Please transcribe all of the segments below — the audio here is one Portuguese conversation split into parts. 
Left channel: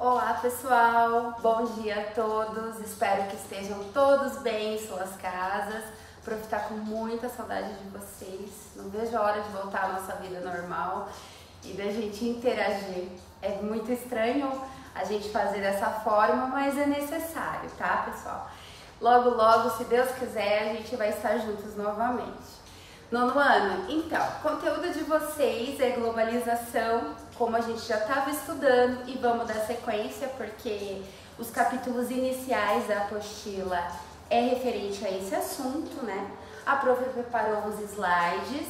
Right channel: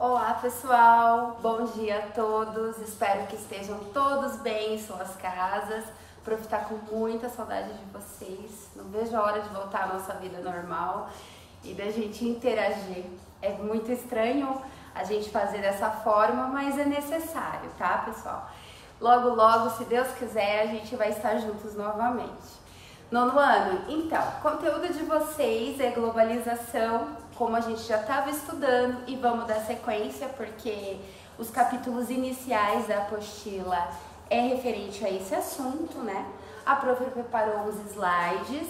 Olá pessoal, bom dia a todos, espero que estejam todos bem em suas casas. Prof, tá com muita saudade de vocês, não vejo a hora de voltar à nossa vida normal e da gente interagir. É muito estranho a gente fazer dessa forma, mas é necessário, tá pessoal? Logo, logo, se Deus quiser, a gente vai estar juntos novamente. Nono ano, então, conteúdo de vocês é globalização, como a gente já estava estudando, e vamos dar sequência, porque os capítulos iniciais da apostila é referente a esse assunto, né? A prof preparou uns slides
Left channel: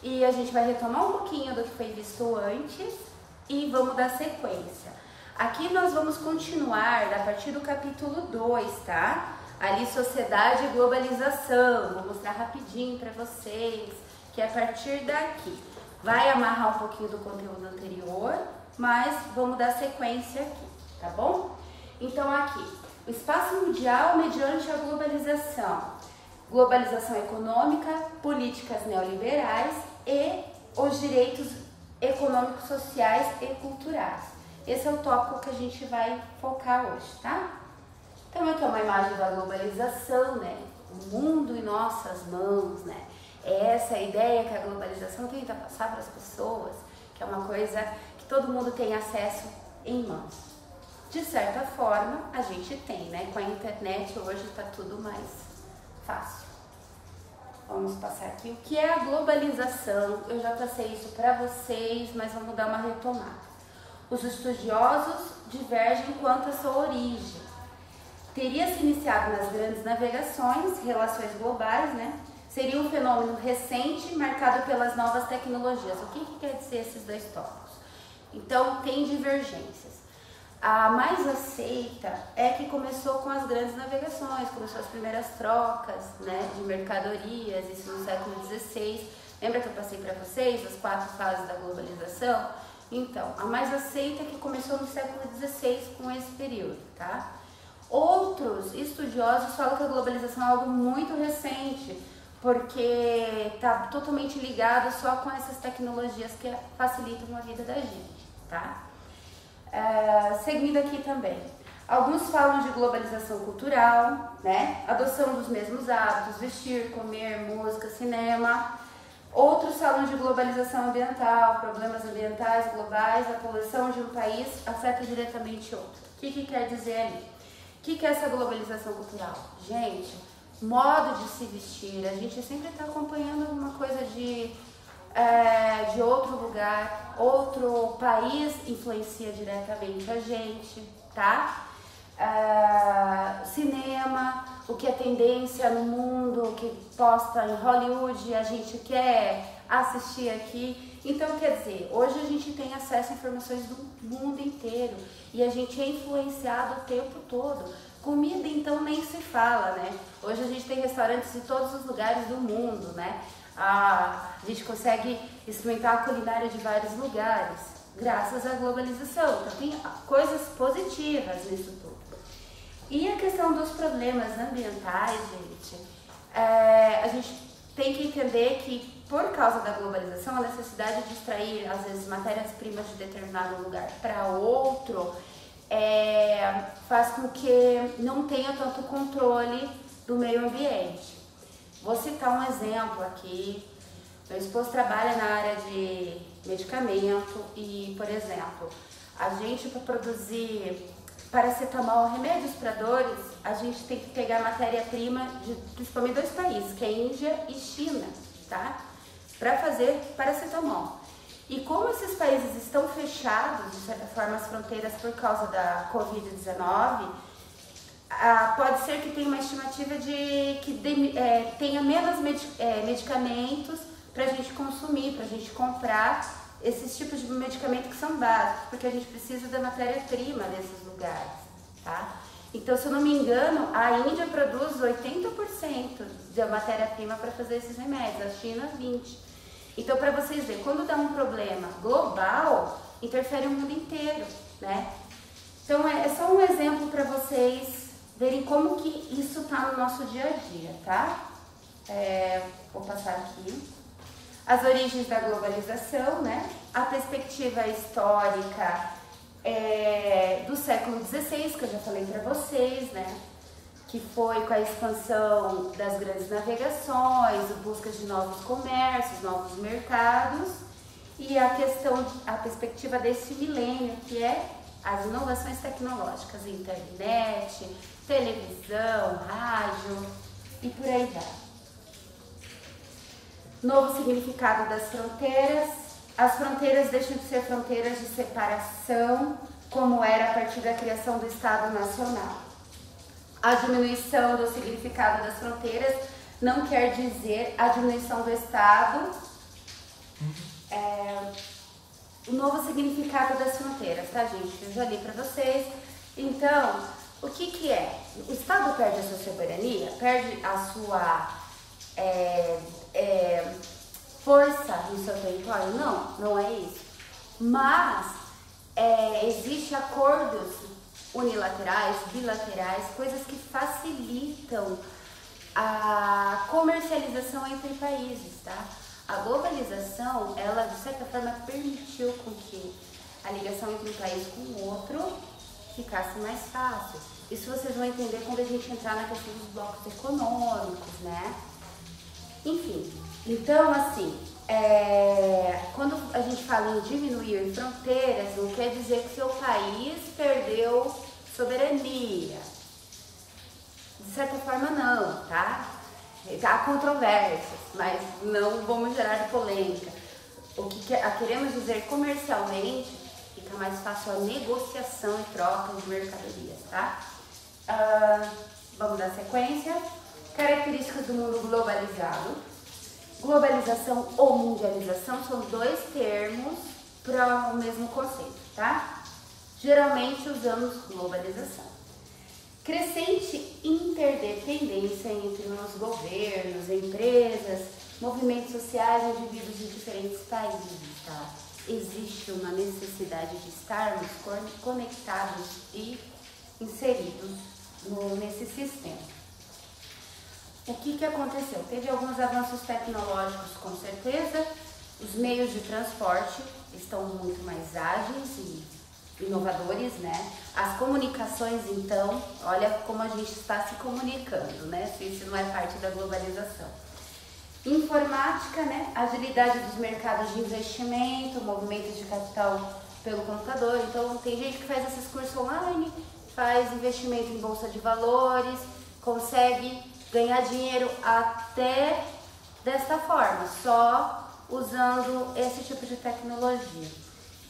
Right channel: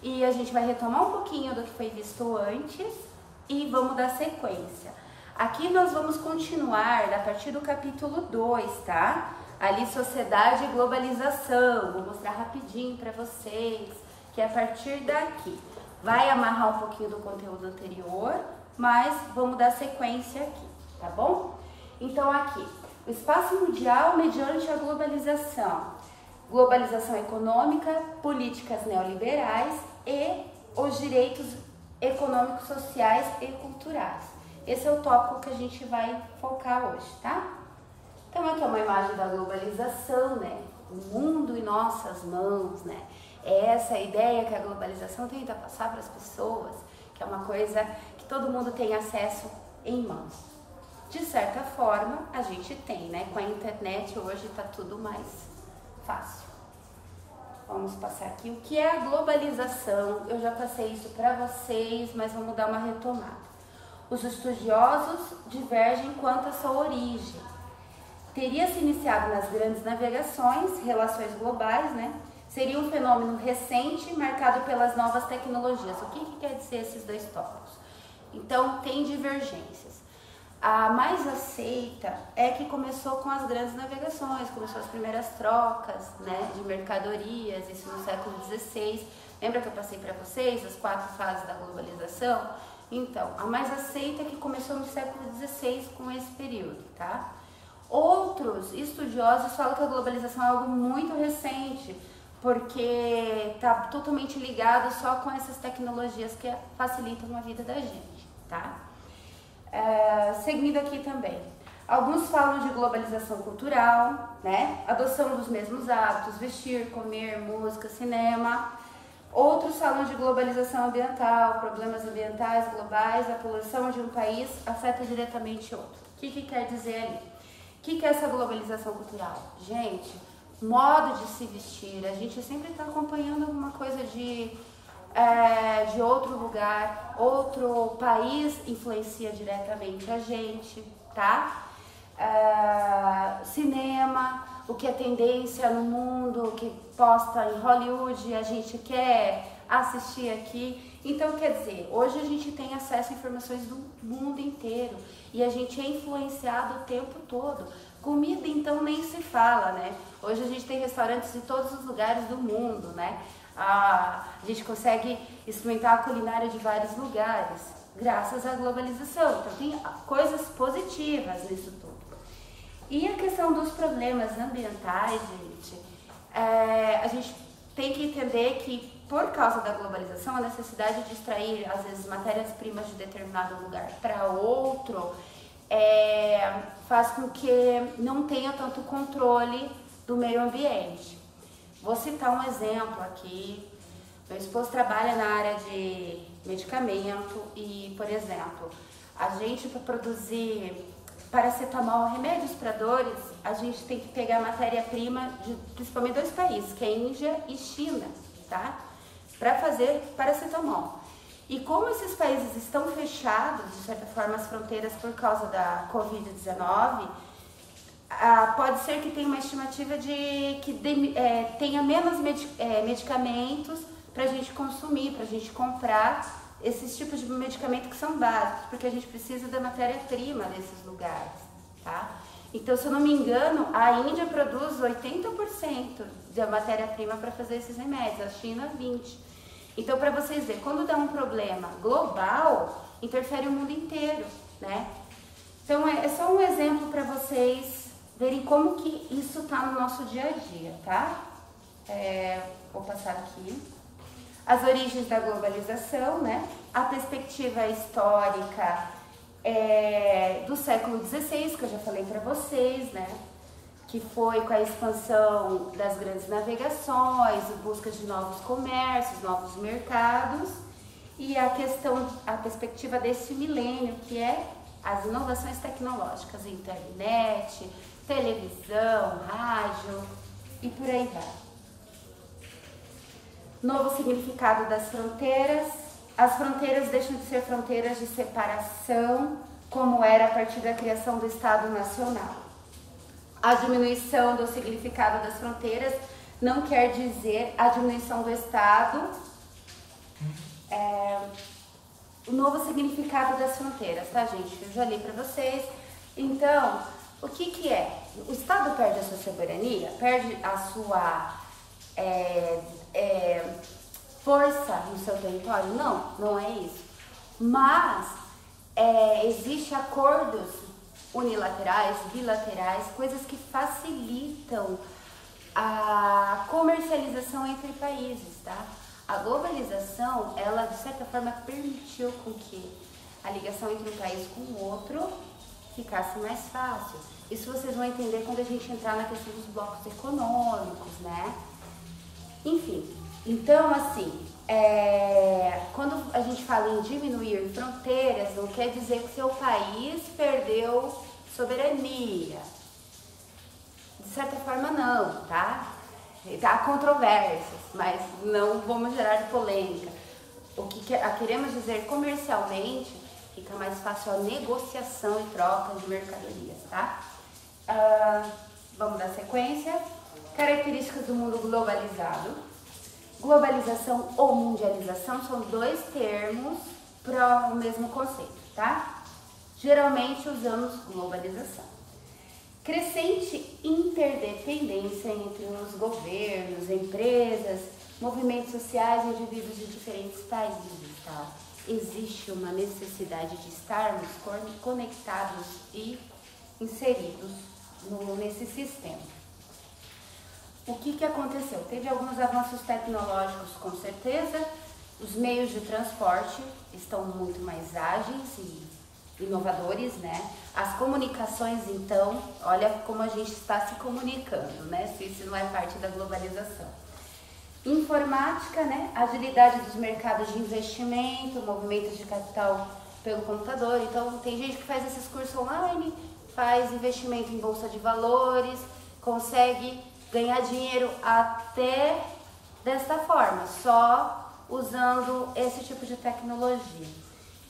e a gente vai retomar um pouquinho do que foi visto antes e vamos dar sequência. Aqui nós vamos continuar a partir do capítulo 2, tá? Ali, sociedade e globalização, vou mostrar rapidinho para vocês, que é a partir daqui. Vai amarrar um pouquinho do conteúdo anterior, mas vamos dar sequência aqui, tá bom? Então aqui, o espaço mundial mediante a globalização. Globalização econômica, políticas neoliberais e os direitos econômicos, sociais e culturais. Esse é o tópico que a gente vai focar hoje, tá? Então aqui é uma imagem da globalização, né? O mundo em nossas mãos, né? É essa a ideia que a globalização tenta passar para as pessoas, que é uma coisa que todo mundo tem acesso em mãos. De certa forma, a gente tem, né? Com a internet hoje está tudo mais fácil. Vamos passar aqui o que é a globalização. Eu já passei isso para vocês, mas vamos dar uma retomada. Os estudiosos divergem quanto à sua origem. Teria se iniciado nas grandes navegações, relações globais, né? Seria um fenômeno recente, marcado pelas novas tecnologias. O que quer dizer esses dois tópicos? Então, tem divergências. A mais aceita é que começou com as grandes navegações, começou as primeiras trocas, né, de mercadorias, isso no século XVI. Lembra que eu passei para vocês as 4 fases da globalização? Então, a mais aceita é que começou no século XVI com esse período, tá? Outros estudiosos falam que a globalização é algo muito recente, porque está totalmente ligado só com essas tecnologias que facilitam a vida da gente, tá? Seguindo aqui também, alguns falam de globalização cultural, né? Adoção dos mesmos hábitos, vestir, comer, música, cinema. Outros falam de globalização ambiental, problemas ambientais globais, a poluição de um país afeta diretamente outro. O que quer dizer ali? O que é essa globalização cultural? Gente, modo de se vestir, a gente sempre está acompanhando alguma coisa de outro lugar, outro país influencia diretamente a gente, tá? Cinema, o que é tendência no mundo, o que posta em Hollywood, a gente quer assistir aqui. Então, quer dizer, hoje a gente tem acesso a informações do mundo inteiro e a gente é influenciado o tempo todo. Comida, então, nem se fala, né? Hoje a gente tem restaurantes de todos os lugares do mundo, né? A gente consegue experimentar a culinária de vários lugares, graças à globalização. Então, tem coisas positivas nisso tudo. E a questão dos problemas ambientais, gente, a gente tem que entender que, por causa da globalização, a necessidade de extrair, às vezes, matérias-primas de determinado lugar para outro, faz com que não tenha tanto controle do meio ambiente. Vou citar um exemplo aqui. Meu esposo trabalha na área de medicamento e, por exemplo, a gente, para produzir paracetamol, remédios para dores, a gente tem que pegar matéria-prima de principalmente 2 países, que é Índia e China, tá? Para fazer paracetamol. E como esses países estão fechados, de certa forma, as fronteiras por causa da Covid-19, pode ser que tenha uma estimativa de que tenha menos medicamentos para a gente consumir, para a gente comprar esses tipos de medicamentos que são básicos, porque a gente precisa da matéria-prima desses lugares, tá? Então, se eu não me engano, a Índia produz 80% da matéria-prima para fazer esses remédios, a China 20%. Então, para vocês verem, quando dá um problema global, interfere o mundo inteiro, né? Então, é só um exemplo para vocês verem como que isso está no nosso dia a dia, tá? Vou passar aqui. As origens da globalização, né? A perspectiva histórica do século XVI, que eu já falei para vocês, né? Que foi com a expansão das grandes navegações, busca de novos comércios, novos mercados e a perspectiva desse milênio, que é as inovações tecnológicas, internet, televisão, rádio e por aí vai. Novo significado das fronteiras. As fronteiras deixam de ser fronteiras de separação, como era a partir da criação do Estado Nacional. A diminuição do significado das fronteiras não quer dizer a diminuição do Estado. O novo significado das fronteiras, tá, gente? Eu já li para vocês. Então, o que é? O Estado perde a sua soberania, perde a sua força no seu território? Não, não é isso. Mas existem acordos unilaterais, bilaterais, coisas que facilitam a comercialização entre países, tá? A globalização, ela de certa forma permitiu com que a ligação entre um país com o outro ficasse mais fácil. Isso vocês vão entender quando a gente entrar na questão dos blocos econômicos, né? Enfim, então assim, quando a gente fala em diminuir fronteiras, não quer dizer que seu país perdeu soberania. De certa forma não, tá? Há controvérsias, mas não vamos gerar polêmica. O que queremos dizer comercialmente, fica mais fácil a negociação e troca de mercadorias, tá? Vamos dar sequência. Características do mundo globalizado. Globalização ou mundialização são dois termos para o mesmo conceito, tá? Geralmente usamos globalização. Crescente interdependência entre os governos, empresas, movimentos sociais e indivíduos de diferentes países, tá? Existe uma necessidade de estarmos conectados e inseridos nesse sistema. O que aconteceu? Teve alguns avanços tecnológicos, com certeza. Os meios de transporte estão muito mais ágeis e inovadores, né? As comunicações, então, olha como a gente está se comunicando, né? Se isso não é parte da globalização. Informática, né? Agilidade dos mercados de investimento, movimentos de capital pelo computador. Então, tem gente que faz esses cursos online, faz investimento em bolsa de valores, consegue ganhar dinheiro até desta forma, só usando esse tipo de tecnologia.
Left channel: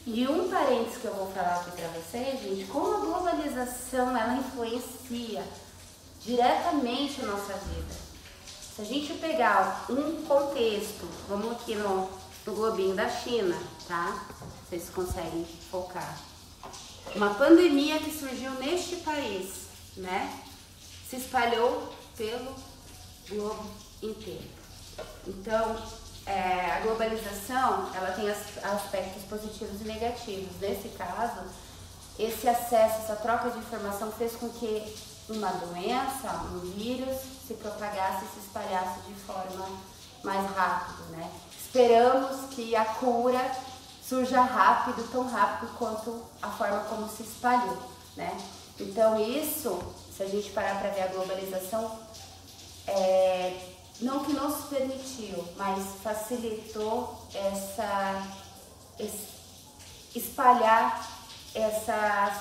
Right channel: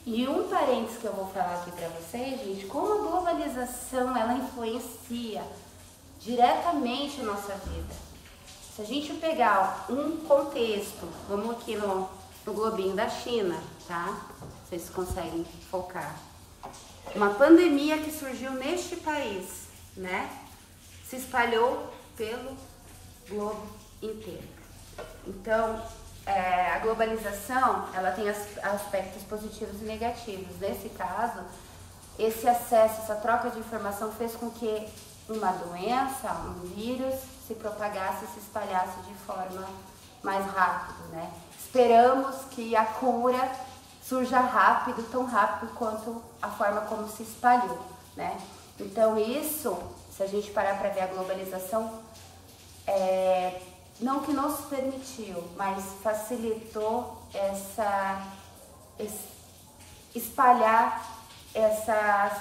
E um parênteses que eu vou falar aqui para vocês, gente, como a globalização ela influencia diretamente a nossa vida. Se a gente pegar um contexto, vamos aqui no globinho da China, tá? Vocês conseguem focar. Uma pandemia que surgiu neste país, né? Se espalhou pelo globo inteiro. Então, a globalização, ela tem aspectos positivos e negativos. Nesse caso, esse acesso, essa troca de informação fez com que uma doença, um vírus, se propagasse e se espalhasse de forma mais rápida, né? Esperamos que a cura surja rápido, tão rápido quanto a forma como se espalhou, né? Então isso, se a gente parar para ver a globalização, não que nos permitiu, mas facilitou espalhar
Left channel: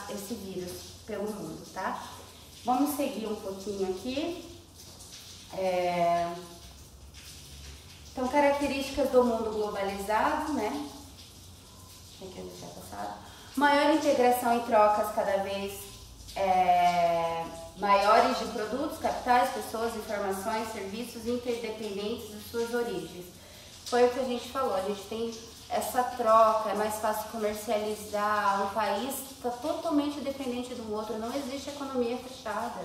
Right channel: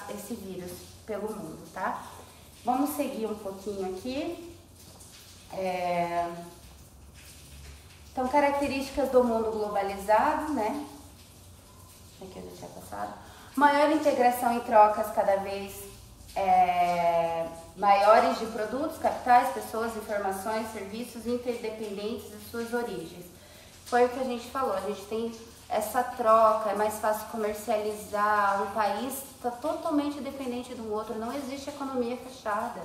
esse vírus pelo mundo, tá? Vamos seguir um pouquinho aqui. Então, características do mundo globalizado, né? Aqui a gente já passado. Maior integração e trocas cada vez maiores de produtos, capitais, pessoas, informações, serviços interdependentes de suas origens. Foi o que a gente falou, a gente tem essa troca, é mais fácil comercializar, um país está totalmente dependente do outro, não existe economia fechada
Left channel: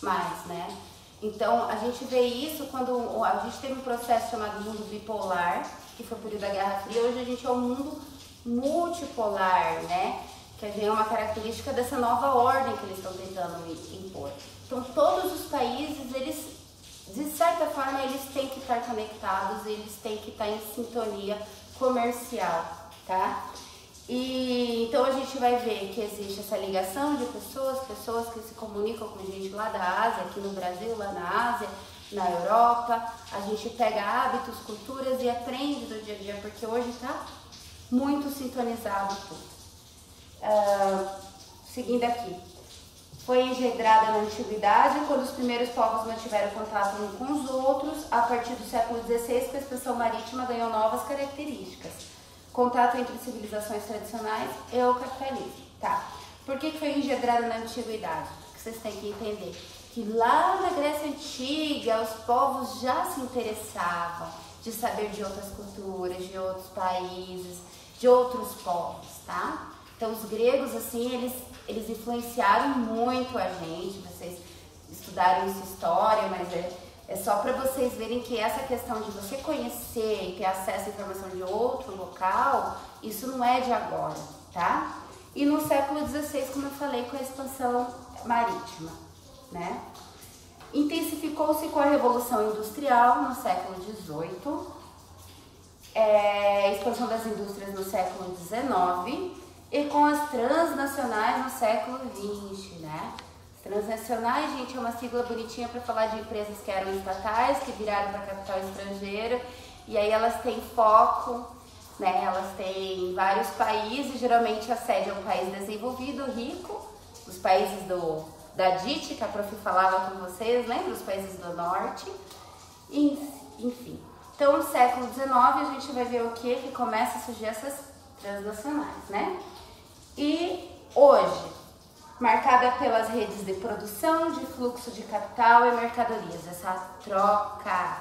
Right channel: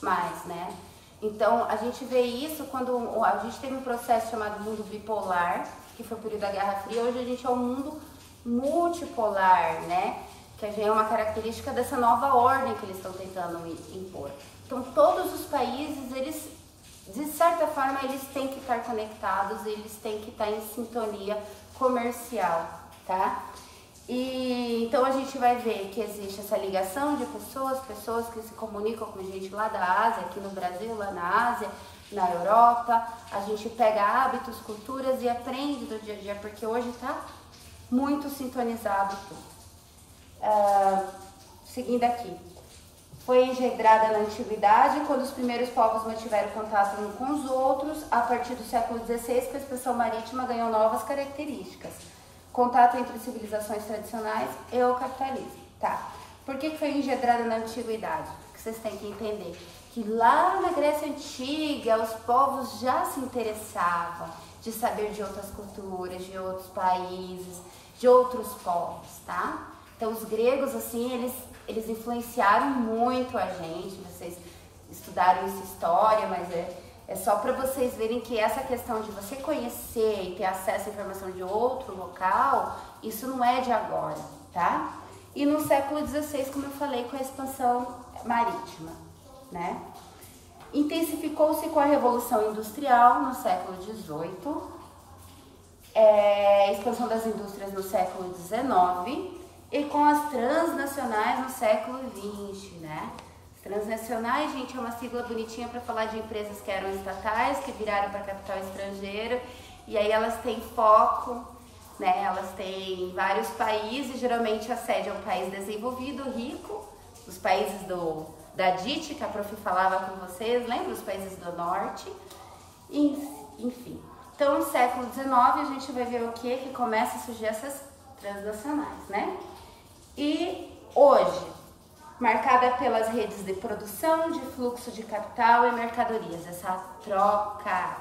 mais, né? Então, a gente vê isso quando a gente teve um processo chamado mundo bipolar, que foi o período da Guerra Fria. Hoje a gente é um mundo multipolar, né? Que é uma característica dessa nova ordem que eles estão tentando impor. Então, todos os países, eles, de certa forma, eles têm que estar conectados, eles têm que estar em sintonia comercial, tá? E então a gente vai ver que existe essa ligação de pessoas que se comunicam com gente lá da Ásia, aqui no Brasil, lá na Ásia, na Europa. A gente pega hábitos, culturas e aprende do dia a dia, porque hoje está muito sintonizado tudo. Seguindo aqui. Foi engendrada na antiguidade, quando os primeiros povos mantiveram contato uns com os outros. A partir do século XVI, com a expansão marítima, ganhou novas características. Contato entre civilizações tradicionais e o capitalismo. Tá. Por que foi engendrada na antiguidade? Porque vocês têm que entender que lá na Grécia Antiga, os povos já se interessavam de saber de outras culturas, de outros países, de outros povos, tá? Então, os gregos, assim, eles influenciaram muito a gente. Vocês estudaram essa história, mas é só para vocês verem que essa questão de você conhecer e ter acesso à informação de outro local, isso não é de agora, tá? E no século XVI, como eu falei, com a expansão marítima, né? Intensificou-se com a Revolução Industrial no século XVIII, expansão das indústrias no século XIX e com as transnacionais no século XX, né? Transnacionais, gente, é uma sigla bonitinha para falar de empresas que eram estatais, que viraram para capital estrangeiro, e aí elas têm foco, né? Elas têm vários países, geralmente a sede é um país desenvolvido, rico, os países da DIT, que a Prof falava com vocês, lembra? Os países do norte, enfim. Então, no século XIX, a gente vai ver o que começa a surgir essas transnacionais, né? E hoje, marcada pelas redes de produção, de fluxo de capital e mercadorias, essa troca.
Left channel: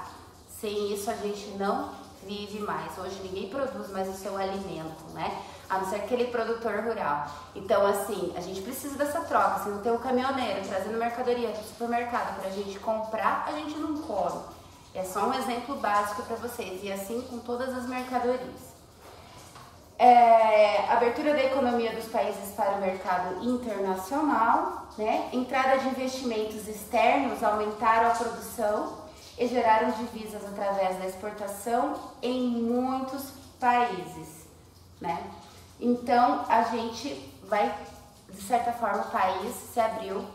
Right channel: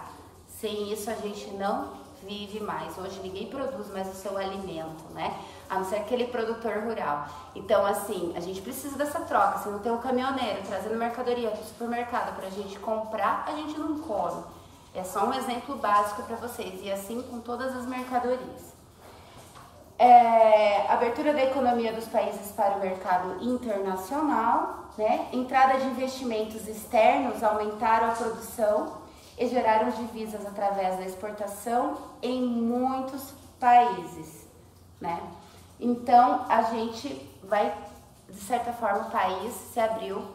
Sem isso a gente não vive mais. Hoje ninguém produz mais o seu alimento, né? A não ser aquele produtor rural. Então, assim, a gente precisa dessa troca. Se não tem um caminhoneiro trazendo mercadoria para o supermercado para a gente comprar, a gente não come. É só um exemplo básico para vocês. E assim com todas as mercadorias. Abertura da economia dos países para o mercado internacional, né? Entrada de investimentos externos aumentaram a produção e geraram divisas através da exportação em muitos países, né? Então a gente vai, de certa forma, o país se abriu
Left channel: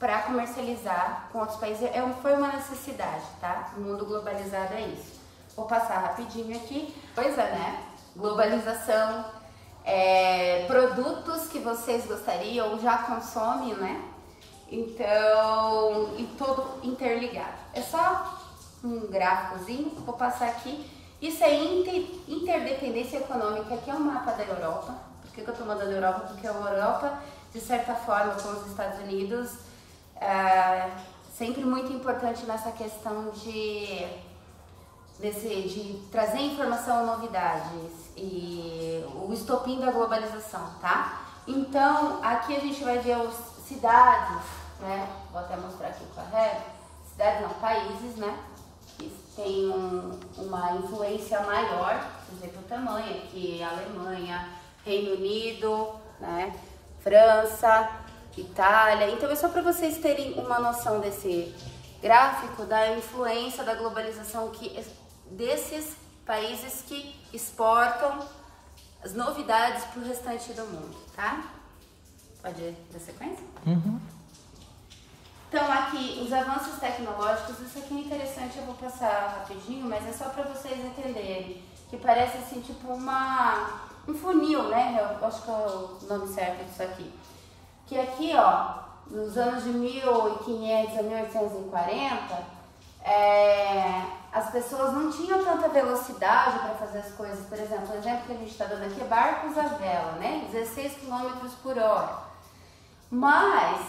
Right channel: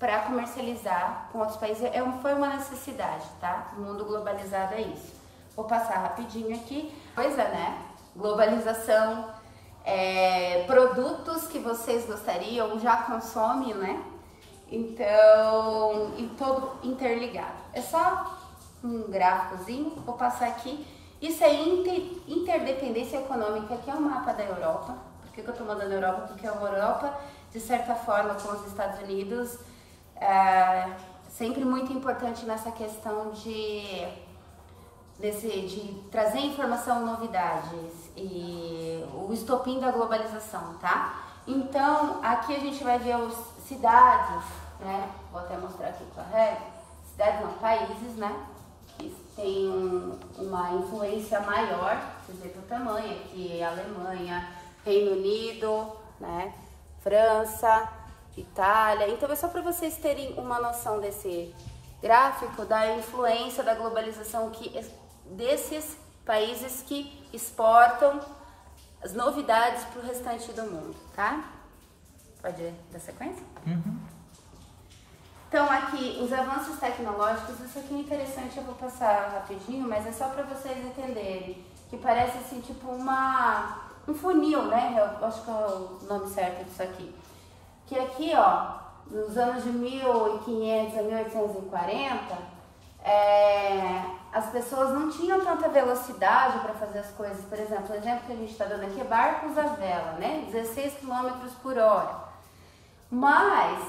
para comercializar com outros países. Foi uma necessidade, tá? O mundo globalizado é isso. Vou passar rapidinho aqui. Pois é, né? Globalização, produtos que vocês gostariam já consomem, né? Então, e todo interligado. É só um gráficozinho, vou passar aqui. Isso é interdependência econômica, aqui é um mapa da Europa. Por que eu tô mandando Europa? Porque a Europa, de certa forma, com os Estados Unidos, sempre muito importante nessa questão de trazer informação, novidades e o estopim da globalização, tá? Então, aqui a gente vai ver as cidades, né? Vou até mostrar aqui com a régua. Cidades não, países, né? Que tem uma influência maior, vocês veem o tamanho aqui, Alemanha, Reino Unido, né? França, Itália. Então, é só para vocês terem uma noção desse gráfico da influência da globalização desses países que exportam as novidades para o restante do mundo, tá? Pode dar sequência? Uhum. Então, aqui, os avanços tecnológicos, isso aqui é interessante, eu vou passar rapidinho, mas é só para vocês entenderem, que parece assim, tipo um funil, né? Eu acho que é o nome certo disso aqui. Que aqui, ó, nos anos de 1500 a 1840, as pessoas não tinham tanta velocidade para fazer as coisas. Por exemplo, o exemplo que a gente está dando aqui é barcos à vela, né? 16 km por hora. Mas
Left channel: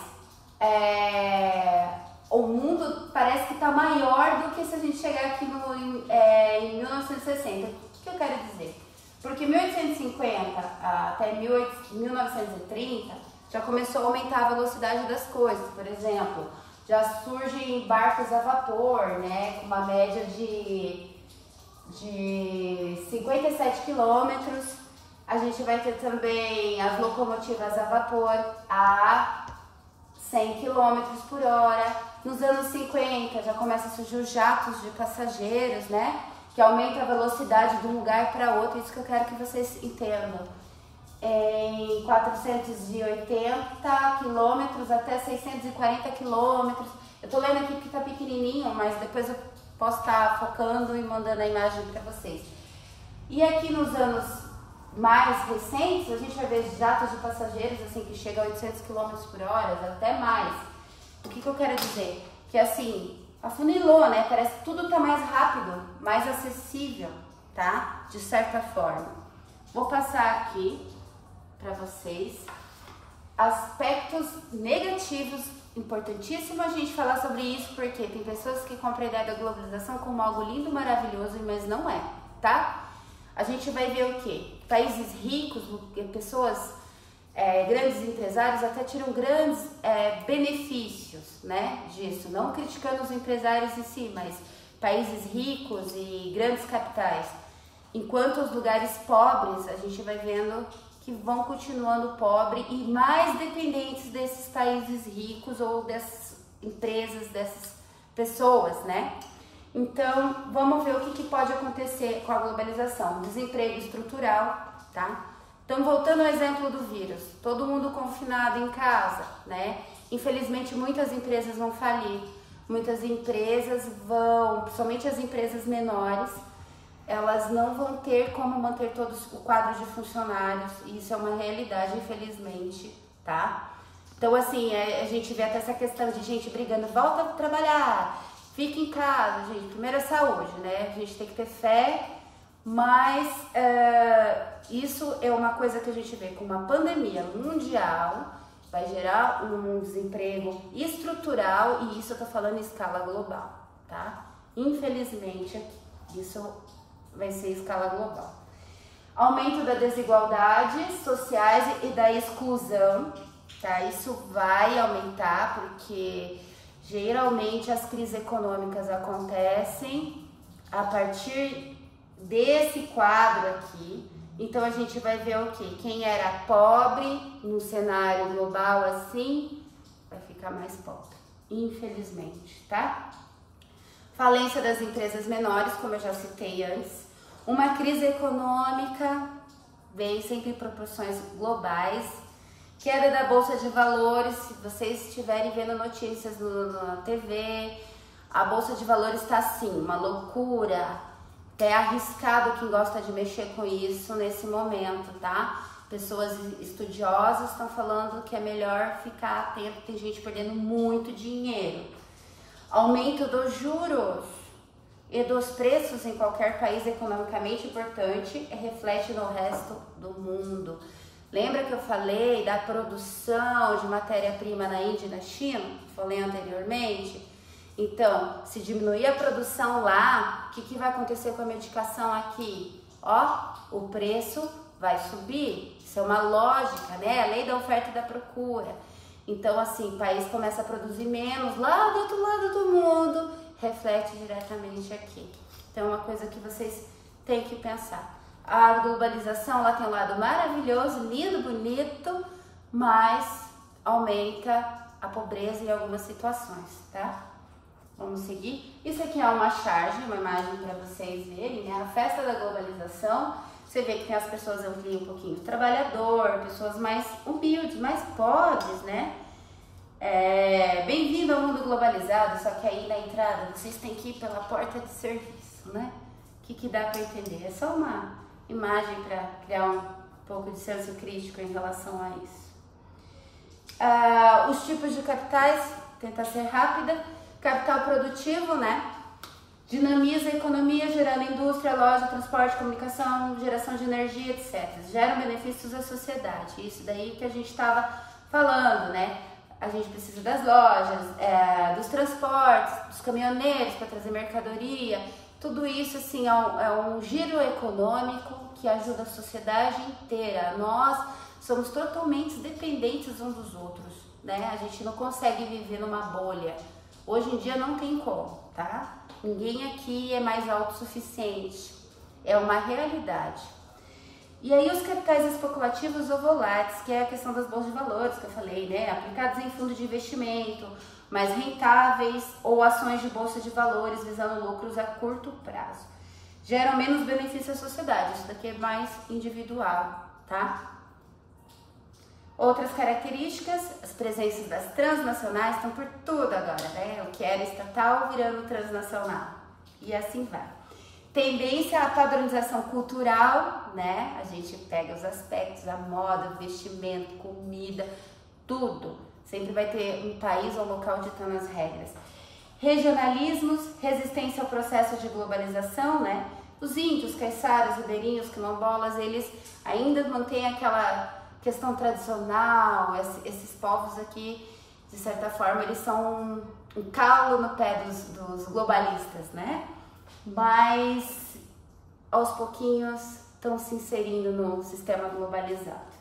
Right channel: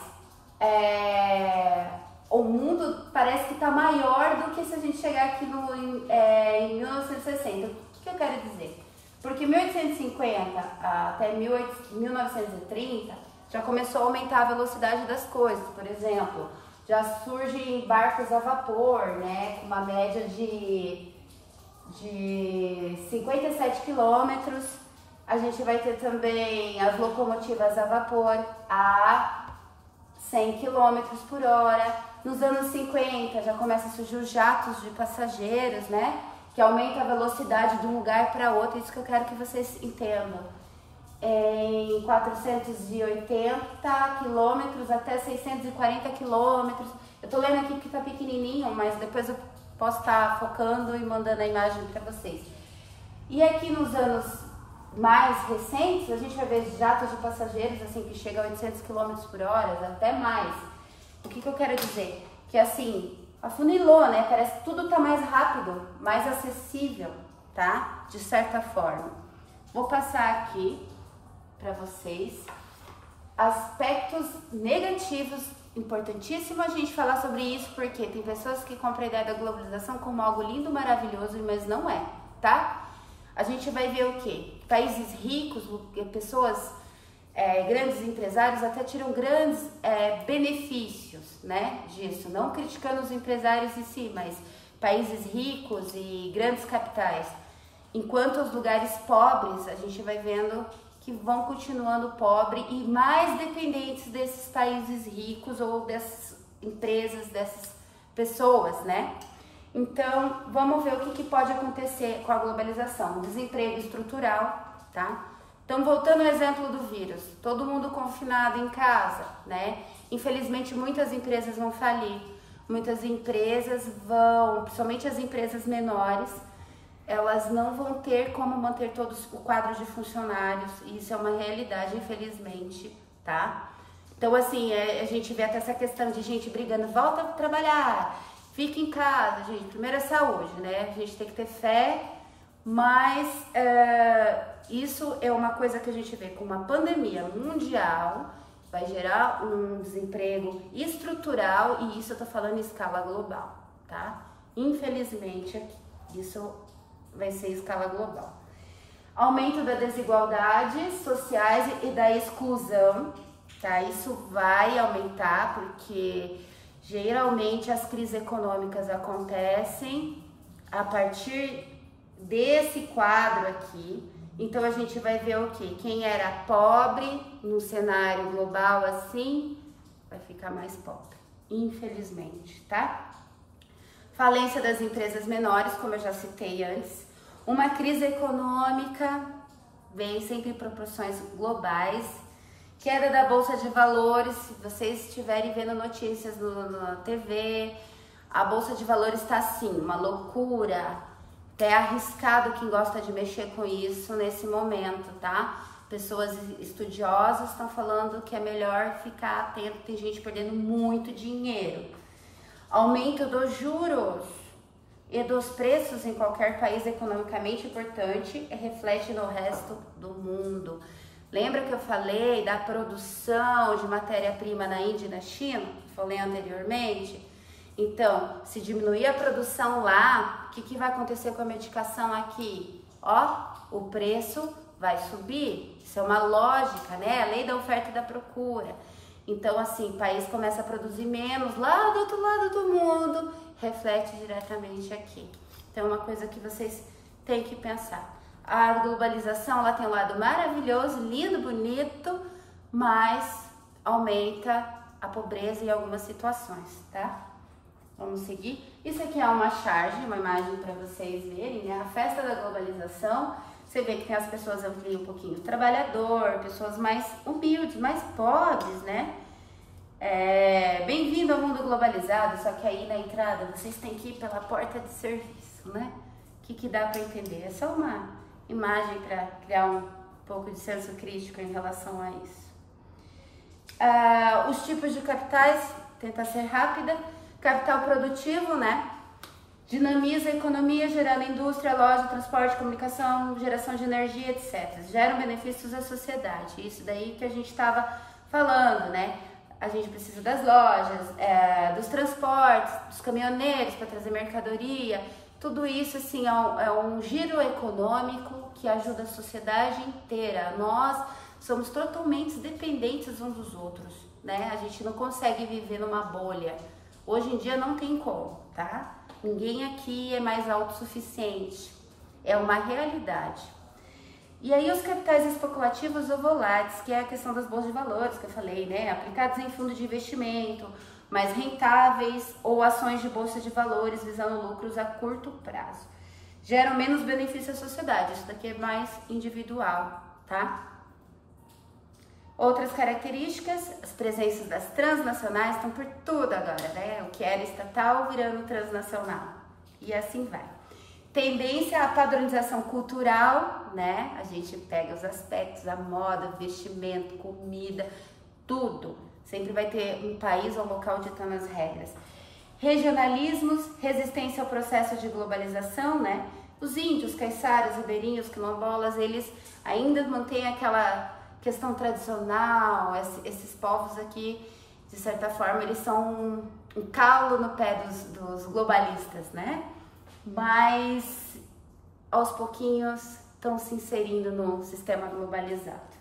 o mundo parece que está maior do que se a gente chegar aqui em 1960. O que eu quero dizer? Porque 1850 até 1930 já começou a aumentar a velocidade das coisas. Por exemplo, já surgem barcos a vapor, né, com uma média de 57 quilômetros. A gente vai ter também as locomotivas a vapor a 100 quilômetros por hora. Nos anos 50 já começa a surgir os jatos de passageiros, né, que aumenta a velocidade de um lugar para outro. Isso que eu quero que vocês entendam. em 480 quilômetros até 640 quilômetros. Eu tô lendo aqui porque tá pequenininho, mas depois eu posso estar focando e mandando a imagem para vocês. E aqui nos anos mais recentes, a gente vai ver jatos de passageiros assim que chegam a 800 km por hora, até mais. O que eu quero dizer? Que assim, afunilou, né? Parece que tudo tá mais rápido, mais acessível, tá? De certa forma. Vou passar aqui para vocês aspectos negativos. Importantíssimo a gente falar sobre isso, porque tem pessoas que compram a ideia da globalização como algo lindo, maravilhoso, mas não é, tá? A gente vai ver o quê? Países ricos, pessoas, grandes empresários até tiram grandes benefícios, né, disso. Não criticando os empresários em si, mas países ricos e grandes capitais. Enquanto os lugares pobres, a gente vai vendo que vão continuando pobres e mais dependentes desses países ricos ou dessas empresas, dessas pessoas, né? Então, vamos ver o que pode acontecer com a globalização. Desemprego estrutural, tá? Então, voltando ao exemplo do vírus, todo mundo confinado em casa, né? Infelizmente, muitas empresas vão falir, muitas empresas vão, principalmente as empresas menores, elas não vão ter como manter todos o quadro de funcionários, e isso é uma realidade, infelizmente, tá? Então, assim, a gente vê até essa questão de gente brigando, volta a trabalhar, fica em casa, gente, primeiro é saúde, né? A gente tem que ter fé, mas isso é uma coisa que a gente vê com uma pandemia mundial, vai gerar um desemprego estrutural, e isso eu tô falando em escala global, tá? Infelizmente, isso vai ser em escala global. Aumento da desigualdade sociais e da exclusão, tá? Isso vai aumentar porque geralmente as crises econômicas acontecem a partir desse quadro aqui. Então a gente vai ver o quê? Quem era pobre no cenário global assim, vai ficar mais pobre, infelizmente, tá? Falência das empresas menores, como eu já citei antes. Uma crise econômica vem sempre em proporções globais. Queda da Bolsa de Valores, se vocês estiverem vendo notícias na TV, a Bolsa de Valores está assim, uma loucura. Até arriscado quem gosta de mexer com isso nesse momento, tá? Pessoas estudiosas estão falando que é melhor ficar atento, tem gente perdendo muito dinheiro. Aumento dos juros e dos preços em qualquer país economicamente importante reflete no resto do mundo. Lembra que eu falei da produção de matéria-prima na Índia e na China? Falei anteriormente. Então, se diminuir a produção lá, o que vai acontecer com a medicação aqui? Ó, o preço vai subir. Isso é uma lógica, né? A lei da oferta e da procura. Então, assim, o país começa a produzir menos lá do outro lado do mundo, reflete diretamente aqui. Então, é uma coisa que vocês têm que pensar. A globalização, ela tem um lado maravilhoso, lindo, bonito, mas aumenta a pobreza em algumas situações, tá? Vamos seguir. Isso aqui é uma charge, uma imagem para vocês verem, né? A festa da globalização. Você vê que tem as pessoas ali um pouquinho trabalhador, pessoas mais humildes, mais pobres, né? Bem-vindo ao mundo globalizado, só que aí na entrada vocês têm que ir pela porta de serviço, né? O que dá para entender? É só uma imagem para criar um pouco de senso crítico em relação a isso. Os tipos de capitais, tentar ser rápida. Capital produtivo, né? Dinamiza a economia, gerando indústria, loja, transporte, comunicação, geração de energia, etc. Geram benefícios à sociedade. Isso daí que a gente estava falando, né? A gente precisa das lojas, dos transportes, dos caminhoneiros para trazer mercadoria. Tudo isso, assim, é um giro econômico que ajuda a sociedade inteira. Nós somos totalmente dependentes uns dos outros, né? A gente não consegue viver numa bolha. Hoje em dia não tem como, tá? Ninguém aqui é mais autossuficiente. É uma realidade. E aí os capitais especulativos ou voláteis, que é a questão das bolsas de valores que eu falei, né? Aplicados em fundo de investimento, mais rentáveis ou ações de bolsa de valores visando lucros a curto prazo. Geram menos benefício à sociedade. Isso daqui é mais individual, tá? Outras características, as presenças das transnacionais estão por tudo agora, né? O que era estatal virando transnacional. E assim vai. Tendência à padronização cultural, né? A gente pega os aspectos, a moda, vestimento, comida, tudo. Sempre vai ter um país ou local ditando as regras. Regionalismos, resistência ao processo de globalização, né? Os índios, caiçaras, ribeirinhos, quilombolas, eles ainda mantêm aquela questão tradicional. Esses povos aqui, de certa forma, eles são um calo no pé dos globalistas, né? Mas aos pouquinhos estão se inserindo no sistema globalizado.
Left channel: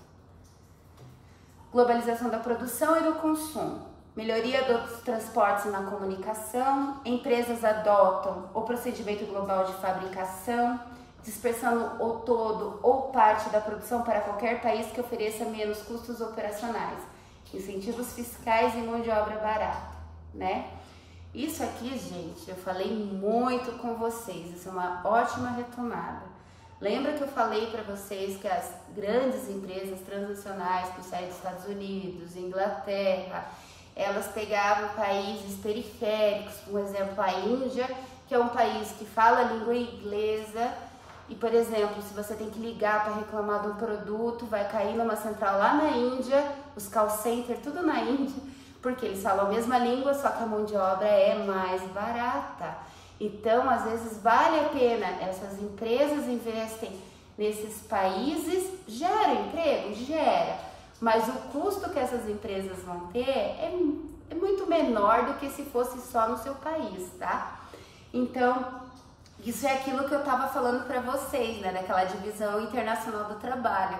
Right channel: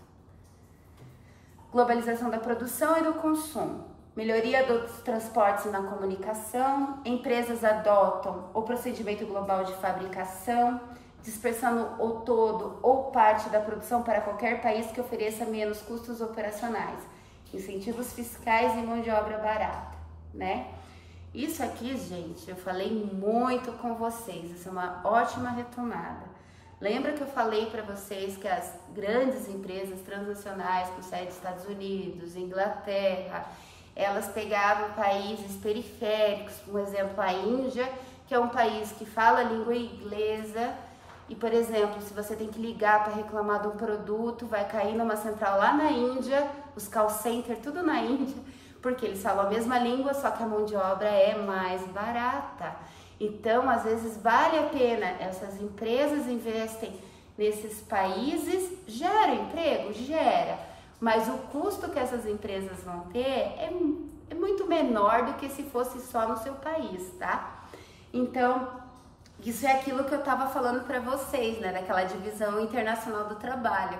Globalização da produção e do consumo. Melhoria dos transportes e na comunicação. Empresas adotam o procedimento global de fabricação, dispersando o todo ou parte da produção para qualquer país que ofereça menos custos operacionais, incentivos fiscais e mão de obra barata, né? Isso aqui, gente, eu falei muito com vocês, isso é uma ótima retomada. Lembra que eu falei para vocês que as grandes empresas transnacionais, com sede dos Estados Unidos, Inglaterra, elas pegavam países periféricos, por exemplo, a Índia, que é um país que fala a língua inglesa, e, por exemplo, se você tem que ligar para reclamar de um produto, vai cair numa central lá na Índia, os call centers, tudo na Índia, porque eles falam a mesma língua, só que a mão de obra é mais barata. Então, às vezes, vale a pena, essas empresas investem nesses países, gera emprego? Gera, mas o custo que essas empresas vão ter é muito menor do que se fosse só no seu país, tá? Então, isso é aquilo que eu estava falando para vocês, né, daquela divisão internacional do trabalho,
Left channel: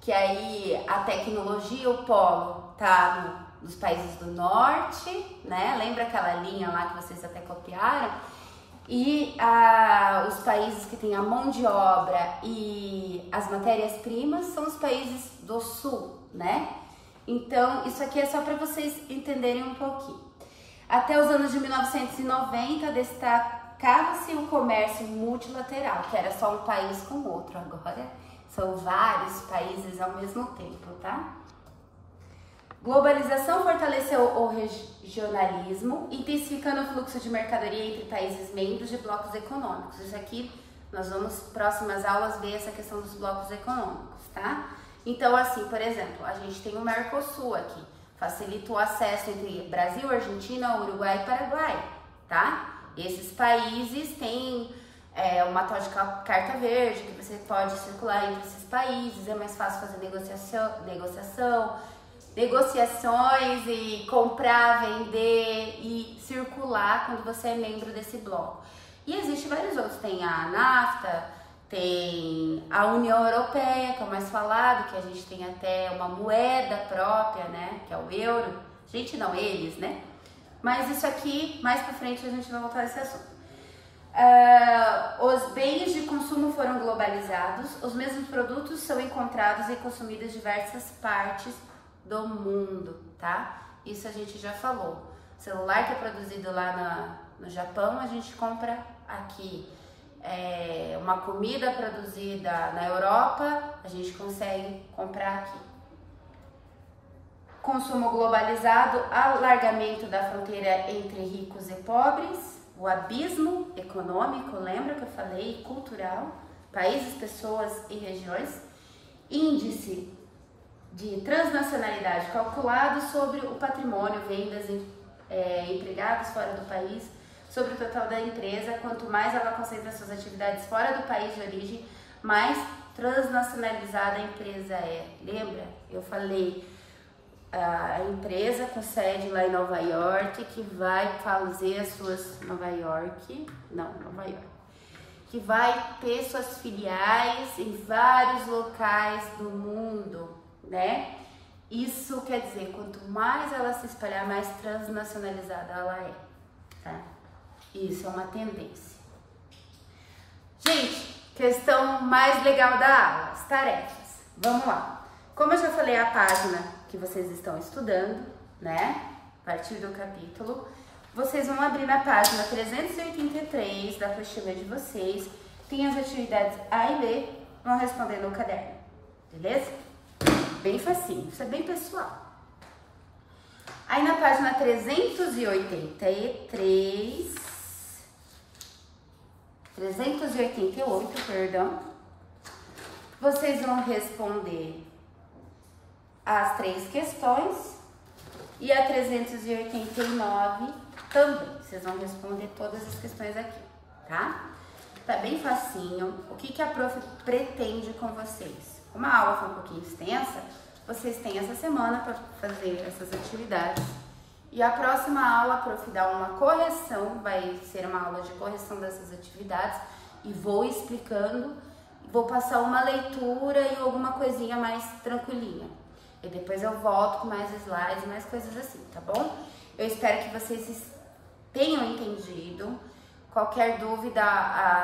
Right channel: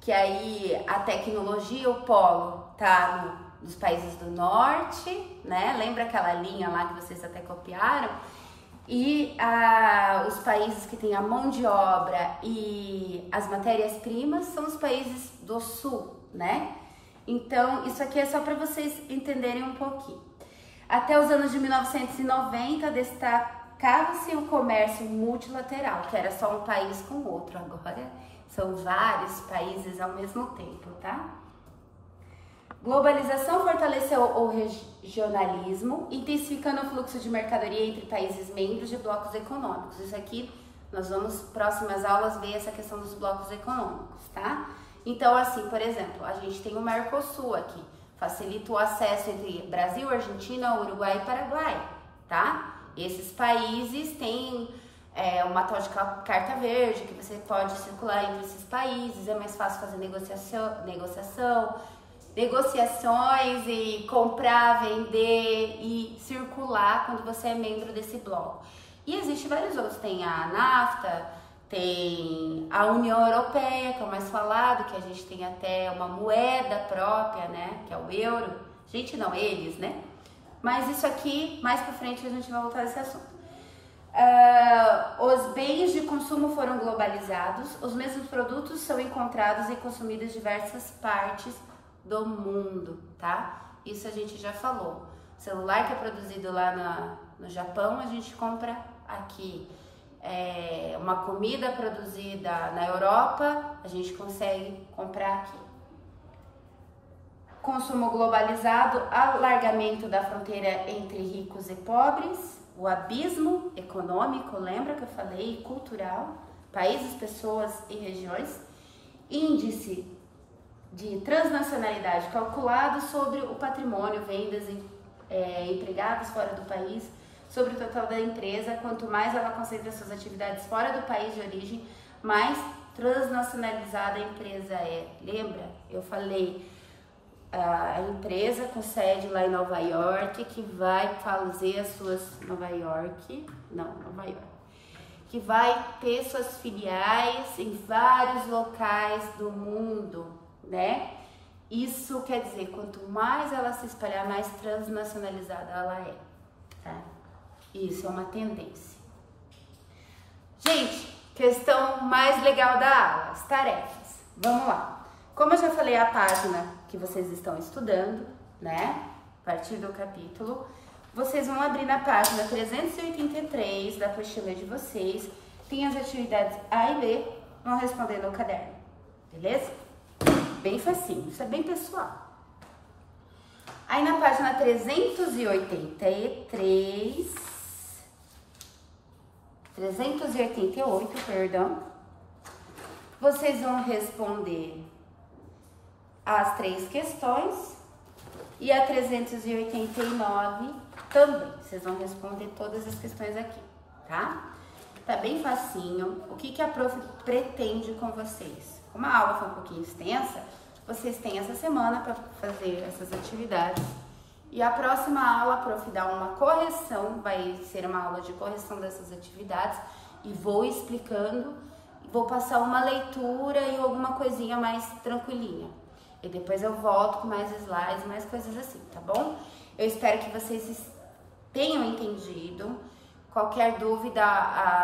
que aí a tecnologia, o polo, tá nos países do norte, né, lembra aquela linha lá que vocês até copiaram? E os países que têm a mão de obra e as matérias-primas são os países do sul, né? Então, isso aqui é só para vocês entenderem um pouquinho. Até os anos de 1990, destacava-se o comércio multilateral, que era só um país com o outro. Agora são vários países ao mesmo tempo, tá? Globalização fortaleceu o regionalismo, intensificando o fluxo de mercadoria entre países membros de blocos econômicos. Isso aqui, nós vamos, próximas aulas, ver essa questão dos blocos econômicos, tá? Então, assim, por exemplo, a gente tem o Mercosul aqui, facilita o acesso entre Brasil, Argentina, Uruguai e Paraguai, tá? Esses países têm uma tal de carta verde, que você pode circular entre esses países, é mais fácil fazer negociações e comprar, vender e circular quando você é membro desse bloco. E existe vários outros, tem a NAFTA, tem a União Europeia, que é o mais falado, que a gente tem até uma moeda própria, né, que é o euro. Gente, não, eles, né? Mas isso aqui, mais pra frente a gente vai voltar a esse assunto. Os bens de consumo foram globalizados, os mesmos produtos são encontrados e consumidos em diversas partes do mundo, tá? Isso a gente já falou. O celular que é produzido lá no Japão, a gente compra aqui. Uma comida produzida na Europa, a gente consegue comprar aqui. Consumo globalizado, alargamento da fronteira entre ricos e pobres, o abismo econômico, lembra que eu falei, cultural, países, pessoas e regiões, índice de transnacionalidade calculado sobre o patrimônio, vendas, empregados fora do país, sobre o total da empresa. Quanto mais ela concentra suas atividades fora do país de origem, mais transnacionalizada a empresa é. Lembra? Eu falei, a empresa com sede lá em Nova York, que vai fazer as suas... Nova York, que vai ter suas filiais em vários locais do mundo, né? Isso quer dizer, quanto mais ela se espalhar, mais transnacionalizada ela é, tá? Isso é uma tendência. Gente, questão mais legal da aula, as tarefas. Vamos lá. Como eu já falei, a página que vocês estão estudando, né? A partir do capítulo, vocês vão abrir na página 383 da apostila de vocês. Tem as atividades A e B, vão responder no caderno, beleza? Bem facinho, isso é bem pessoal. Aí na página 388, perdão, vocês vão responder as 3 questões e a 389 também. Vocês vão responder todas as questões aqui, tá? Tá bem facinho. O que a prof pretende com vocês? Como a aula foi um pouquinho extensa, vocês têm essa semana para fazer essas atividades. E a próxima aula a prof dá uma correção, vai ser uma aula de correção dessas atividades e vou explicando, vou passar uma leitura e alguma coisinha mais tranquilinha. E depois eu volto com mais slides, mais coisas assim, tá bom? Eu espero que vocês tenham entendido. Qualquer dúvida,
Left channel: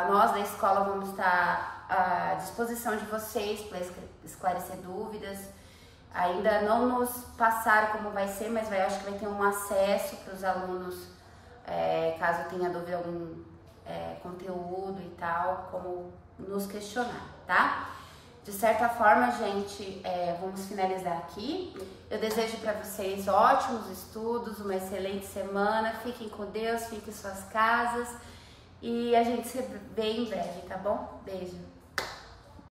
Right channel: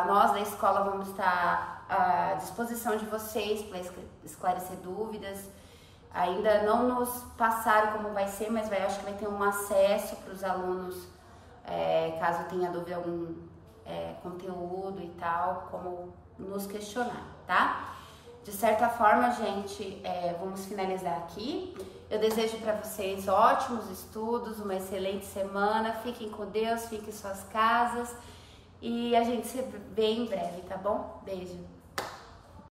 nós da escola vamos estar à disposição de vocês para esclarecer dúvidas. Ainda não nos passaram como vai ser, mas acho que vai ter um acesso para os alunos, caso tenha dúvida algum conteúdo e tal, como nos questionar, tá? De certa forma, gente, vamos finalizar aqui. Eu desejo para vocês ótimos estudos, uma excelente semana. Fiquem com Deus, fiquem em suas casas. E a gente se vê em breve, tá bom? Beijo!